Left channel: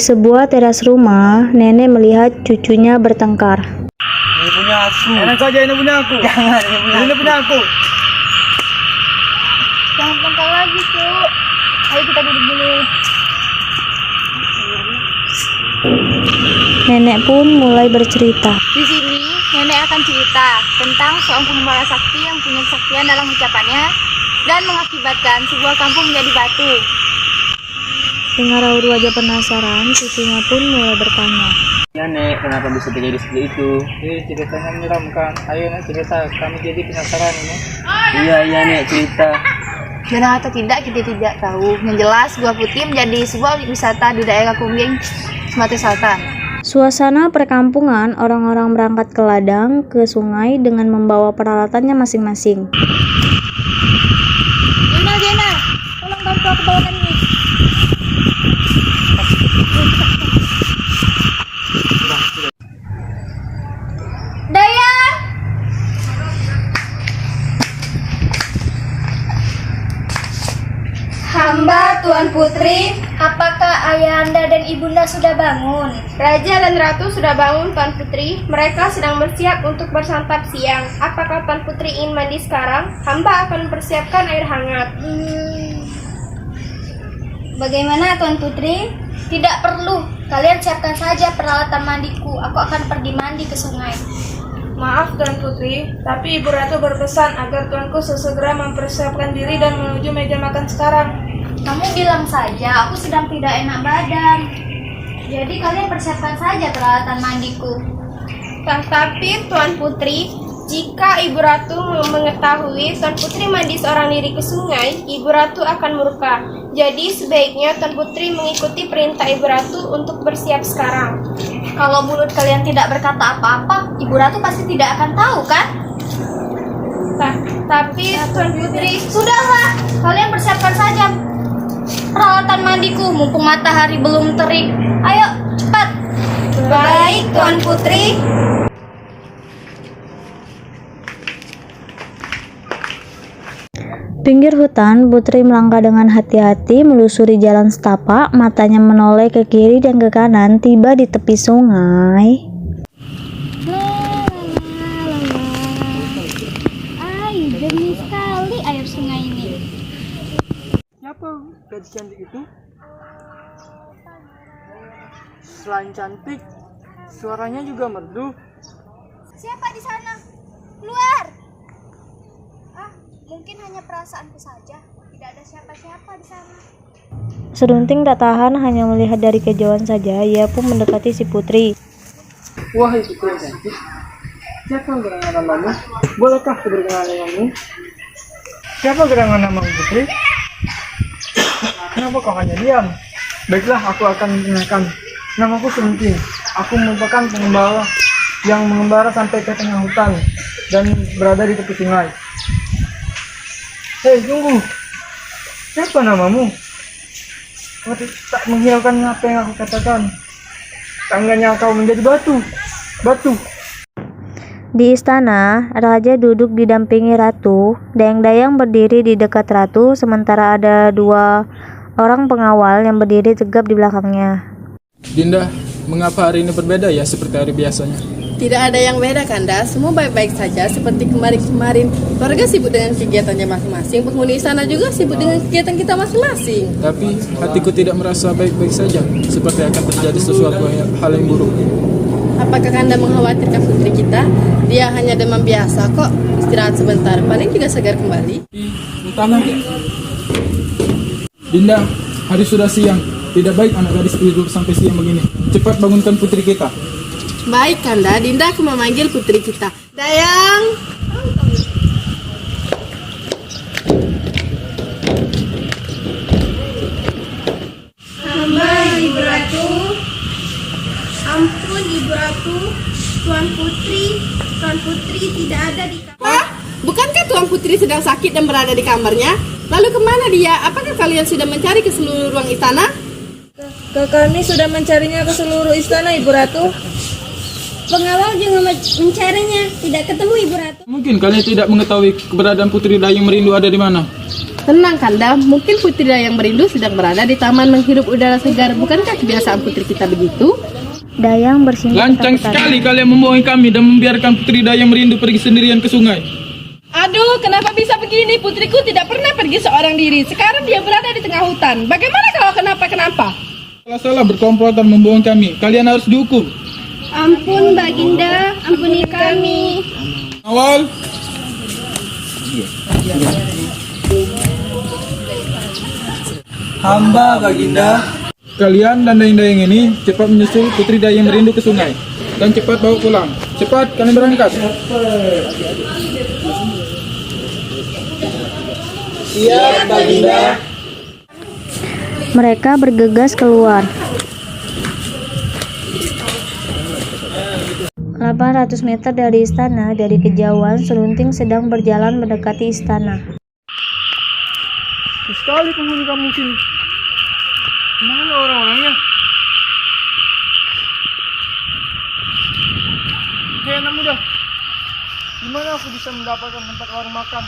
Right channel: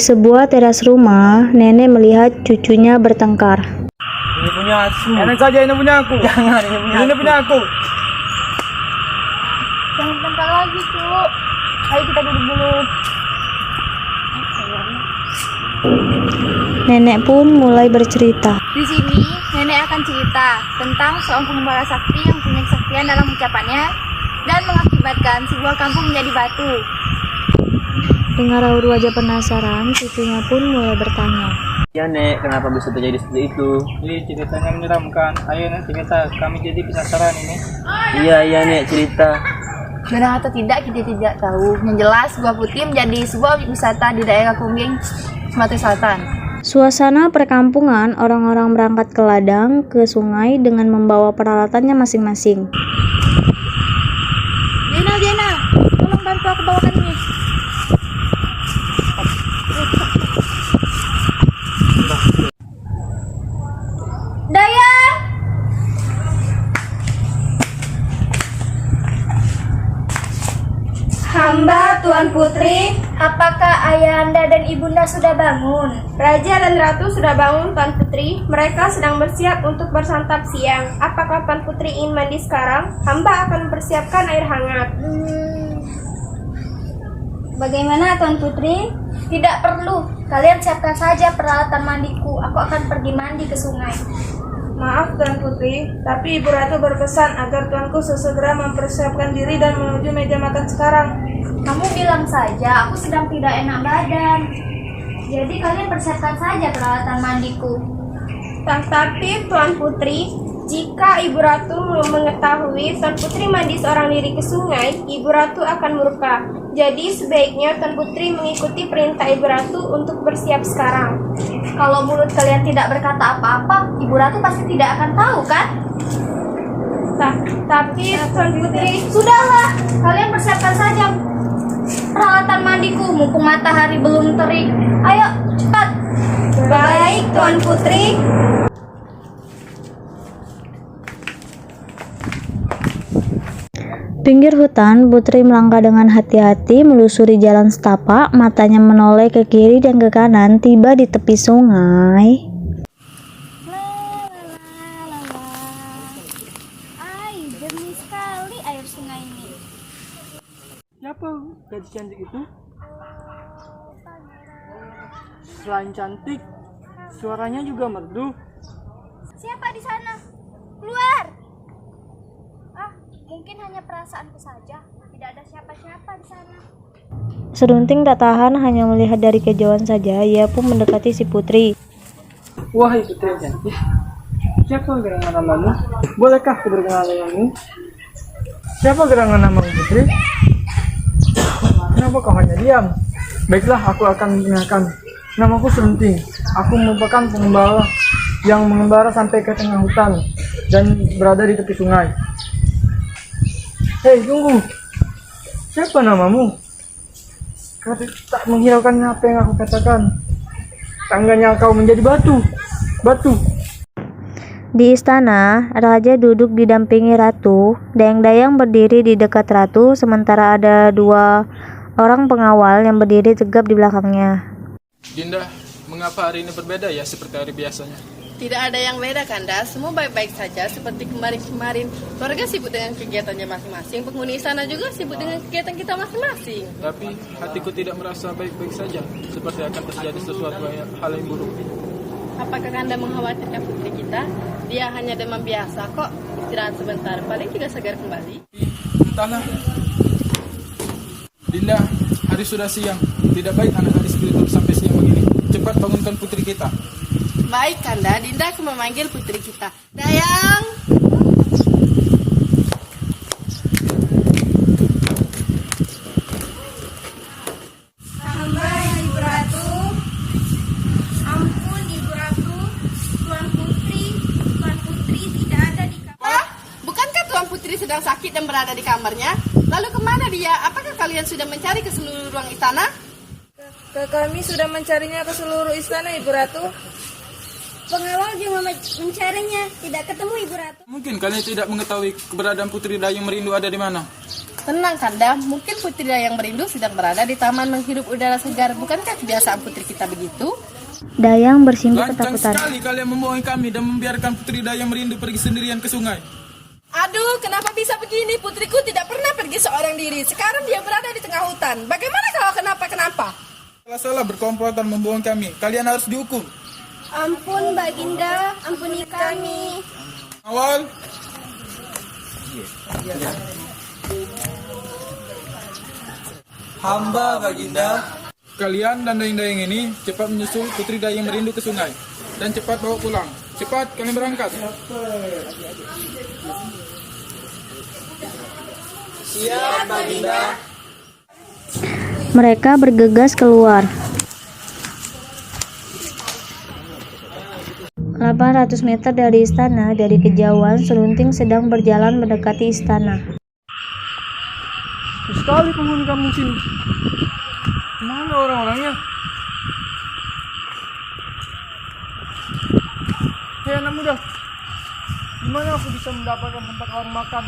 Di sebuah teras rumah, nenek melihat cucunya bertengkar. Ini punya aku. Jangan saja ini punya aku. Jangan, ini Ini punya aku. Jangan tengkar lagi, Cuk. Ayo kita duduk dulu. Nenek pun mulai bercerita. Di sini, nenek akan cerita tentang seorang pengembara sakti yang punya kesaktian dalam ucapannya dan mengakibatkan sebuah kampung menjadi batu. Dengar raut wajah penasaran, cucunya pun mulai bertanya. Ya Nek, kenapa bisa terjadi seperti itu? Ceritanya menyeramkan. Ayo Nek cerita, kami jadi penasaran ini. Iya Nek, cerita. Benar atau tidak kita tidak tahu. Yang jelas Gua Putih menjadi sebuah wisata di daerah Kungging, Sumatera Selatan. Suasana perkampungan, orang-orang berangkat ke ladang, ke sungai dengan membawa peralatannya masing-masing. Jena, tolong bantu aku bawakan ini. Dayang! Hamba Tuan Putri, apakah ayahanda dan ibunda sudah bangun? Raja dan Ratu sudah bangun, Tuan Putri. Mereka sedang bersiap untuk bersantap siang. Apakah Tuan Putri ingin mandi sekarang? Hamba akan mempersiapkan air hangat. Bagaimana Tuan Putri? Tidak perlu, kalian siapkan saja peralatan mandiku. Aku akan pergi mandi ke sungai. Maaf Tuan Putri, tapi Ibu Ratu berpesan agar Tuanku sesegera mempersiapkan diri dan menuju meja makan sekarang. Kamu bilang saja, aku sedang tidak enak badan. Jadi kalian persiapkan saja peralatan mandiku. Tapi Tuan Putri, jika Ibu Ratu mengetahui Tuan Putri mandi seorang diri ke sungai, Ibu Ratu akan murka. Jadi sebaiknya Tuan Putri mengikuti perintah Ibu Ratu untuk bersiap sekarang. Kalau mulut kalian tidak berkata apa-apa, Ibu Ratu pasti tidak akan tahu kan? Tapi Tuan Putri, Sudahlah, kalian persiapkan saja peralatan mandiku mumpung matahari belum terik. Ayo, cepat. baik Tuan Putri. Pinggir hutan, Putri melangkah dengan hati-hati melusuri jalan setapak, matanya menoleh ke kiri dan ke kanan, tiba di tepi sungai. Ay, jernih sekali air sungai ini. Siapa gadis cantik itu? Selain cantik, suaranya juga merdu. Siapa di sana? Keluar. Mungkin hanya perasaanku saja. Tidak ada siapa-siapa di sana. Serunting tak tahan hanya melihat dari kejauhan saja, ia pun mendekati si Putri. Wahai putri cantik, siapa gerangan namamu? Bolehkah aku berkenalan denganmu? Siapa gerangan namamu Putri? Kenapa kau hanya diam? Baiklah, aku akan mengenalkan. Namaku Serunting. Aku merupakan pengembara yang mengembara sampai ke tengah hutan dan berada di tepi sungai. Hei, tunggu. Siapa namamu? Kau tak menghiraukan apa yang aku katakan. Tangganya kau menjadi batu. Batu. Di istana, raja duduk didampingi ratu. Dayang-dayang berdiri di dekat ratu, sementara ada dua orang pengawal yang berdiri tegap di belakangnya. Dinda, mengapa hari ini berbeda ya seperti hari biasanya? Tidak ada yang beda Kanda, semua baik-baik saja seperti kemarin-kemarin. Keluarga sibuk dengan kegiatannya masing-masing, penghuni istana juga sibuk dengan kegiatan kita masing-masing. Tapi hatiku tidak merasa baik-baik saja, seperti akan terjadi sesuatu hal yang buruk. Apakah Kanda mengkhawatirkan putri kita? Dia hanya demam biasa kok, istirahat sebentar, paling juga segar kembali. Entahlah. Dinda, hari sudah siang, tidak baik anak gadis tidur sampai siang begini. Cepat bangunkan putri kita. Baik Kanda, Dinda aku memanggil putri kita. Dayang! Hamba Ibu Ratu. Ampun Ibu Ratu. Tuan Putri tidak ada di kamar. Wah, bukankah Tuan Putri sedang sakit dan berada di kamarnya? Lalu kemana dia? Apakah kalian sudah mencari ke seluruh ruang istana? Kami sudah mencarinya ke seluruh istana Ibu Ratu. Pengawal juga mencarinya, tidak ketemu Ibu Ratu. Mungkin kalian tidak mengetahui keberadaan putri Dayang Merindu ada di mana. Tenang Kanda, mungkin Putri Dayang Merindu sedang berada di taman menghirup udara segar. Bukankah kebiasaan putri kita begitu? Dayang bersimpuh Lancang ketakutan. sekali kalian membohongi kami dan membiarkan Putri Dayang Merindu pergi sendirian ke sungai. Aduh, kenapa bisa begini? Putriku tidak pernah pergi seorang diri. Sekarang dia berada di tengah hutan. Bagaimana kalau kenapa-kenapa? Kalau salah berkomplot dan membohongi kami, kalian harus dihukum. Ampun Baginda, ampuni kami. Awal. Hamba Baginda. Kalian dan dayang-dayang ini cepat menyusul Putri Dayang Merindu ke sungai. Dan cepat bawa pulang. Cepat, kalian berangkat. Siap Baginda. Mereka bergegas keluar. 800 meter dari istana, dari kejauhan Serunting sedang berjalan mendekati istana. Sekali penghuni kampung sini. Mana orang-orangnya? Hei anak muda, di mana aku bisa mendapatkan tempat warung makan?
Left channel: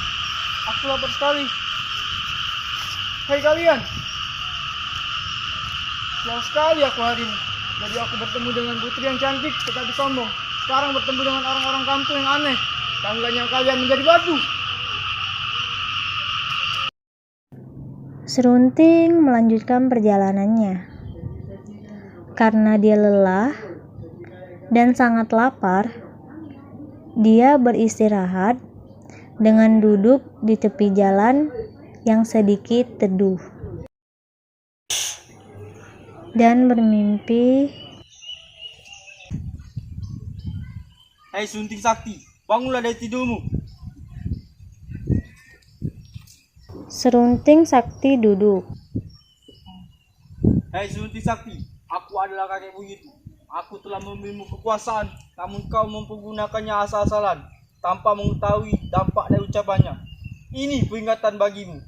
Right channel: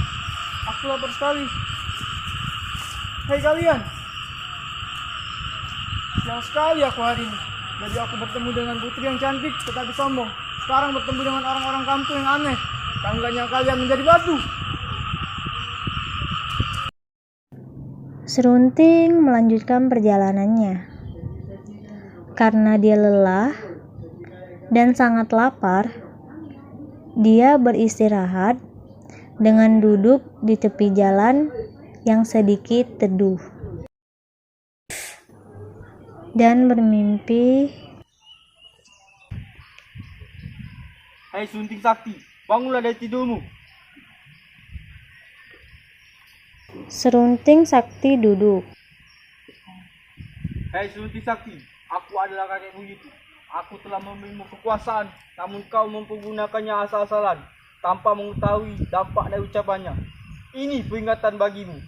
Aku lapar sekali. Hei kalian, sial sekali aku hari ini. Jadi aku bertemu dengan putri yang cantik tetapi sombong. Sekarang bertemu dengan orang-orang kampung yang aneh. Tangganya kalian menjadi batu. Serunting melanjutkan perjalanannya. Karena dia lelah dan sangat lapar, dia beristirahat dengan duduk di tepi jalan yang sedikit teduh dan bermimpi. Hai Sunting Sakti, bangunlah dari tidurmu. Serunting Sakti duduk. Hai Sunting Sakti, aku adalah kakek buyutmu. Aku telah memberimu kekuasaan, namun kau mempergunakannya asal-asalan, tanpa mengetahui dampak dari ucapannya. Ini peringatan bagimu.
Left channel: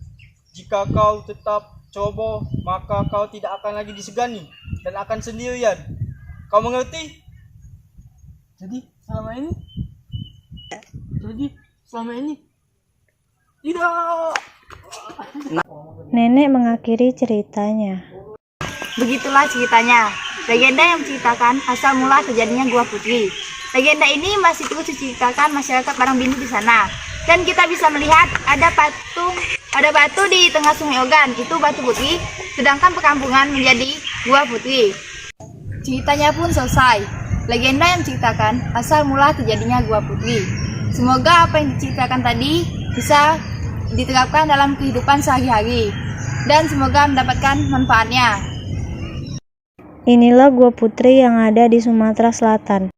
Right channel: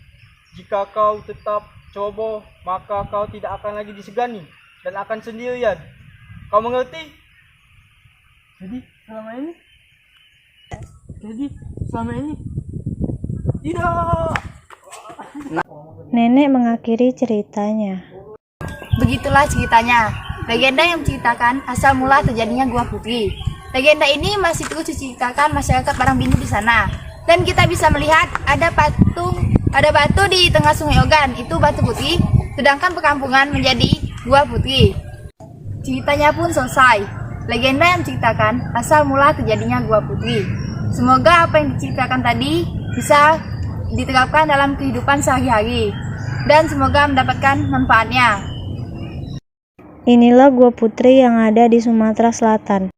Jika kau tetap coba, maka kau tidak akan lagi disegani dan akan sendirian. Kau mengerti? Jadi selama ini tidak. Nenek mengakhiri ceritanya. Begitulah ceritanya. Legenda yang menceritakan asal mula terjadinya Gua Putri. Legenda ini masih terus diceritakan masyarakat Barangbinu di sana. Dan kita bisa melihat ada batu di tengah Sungai Ogan, itu Batu Putri, sedangkan perkampungan menjadi Gua Putri. Ceritanya pun selesai. Legenda yang menceritakan asal mula terjadinya Gua Putri. Semoga apa yang diceritakan tadi bisa diterapkan dalam kehidupan sehari-hari dan semoga mendapatkan manfaatnya. Inilah Gua Putri yang ada di Sumatera Selatan.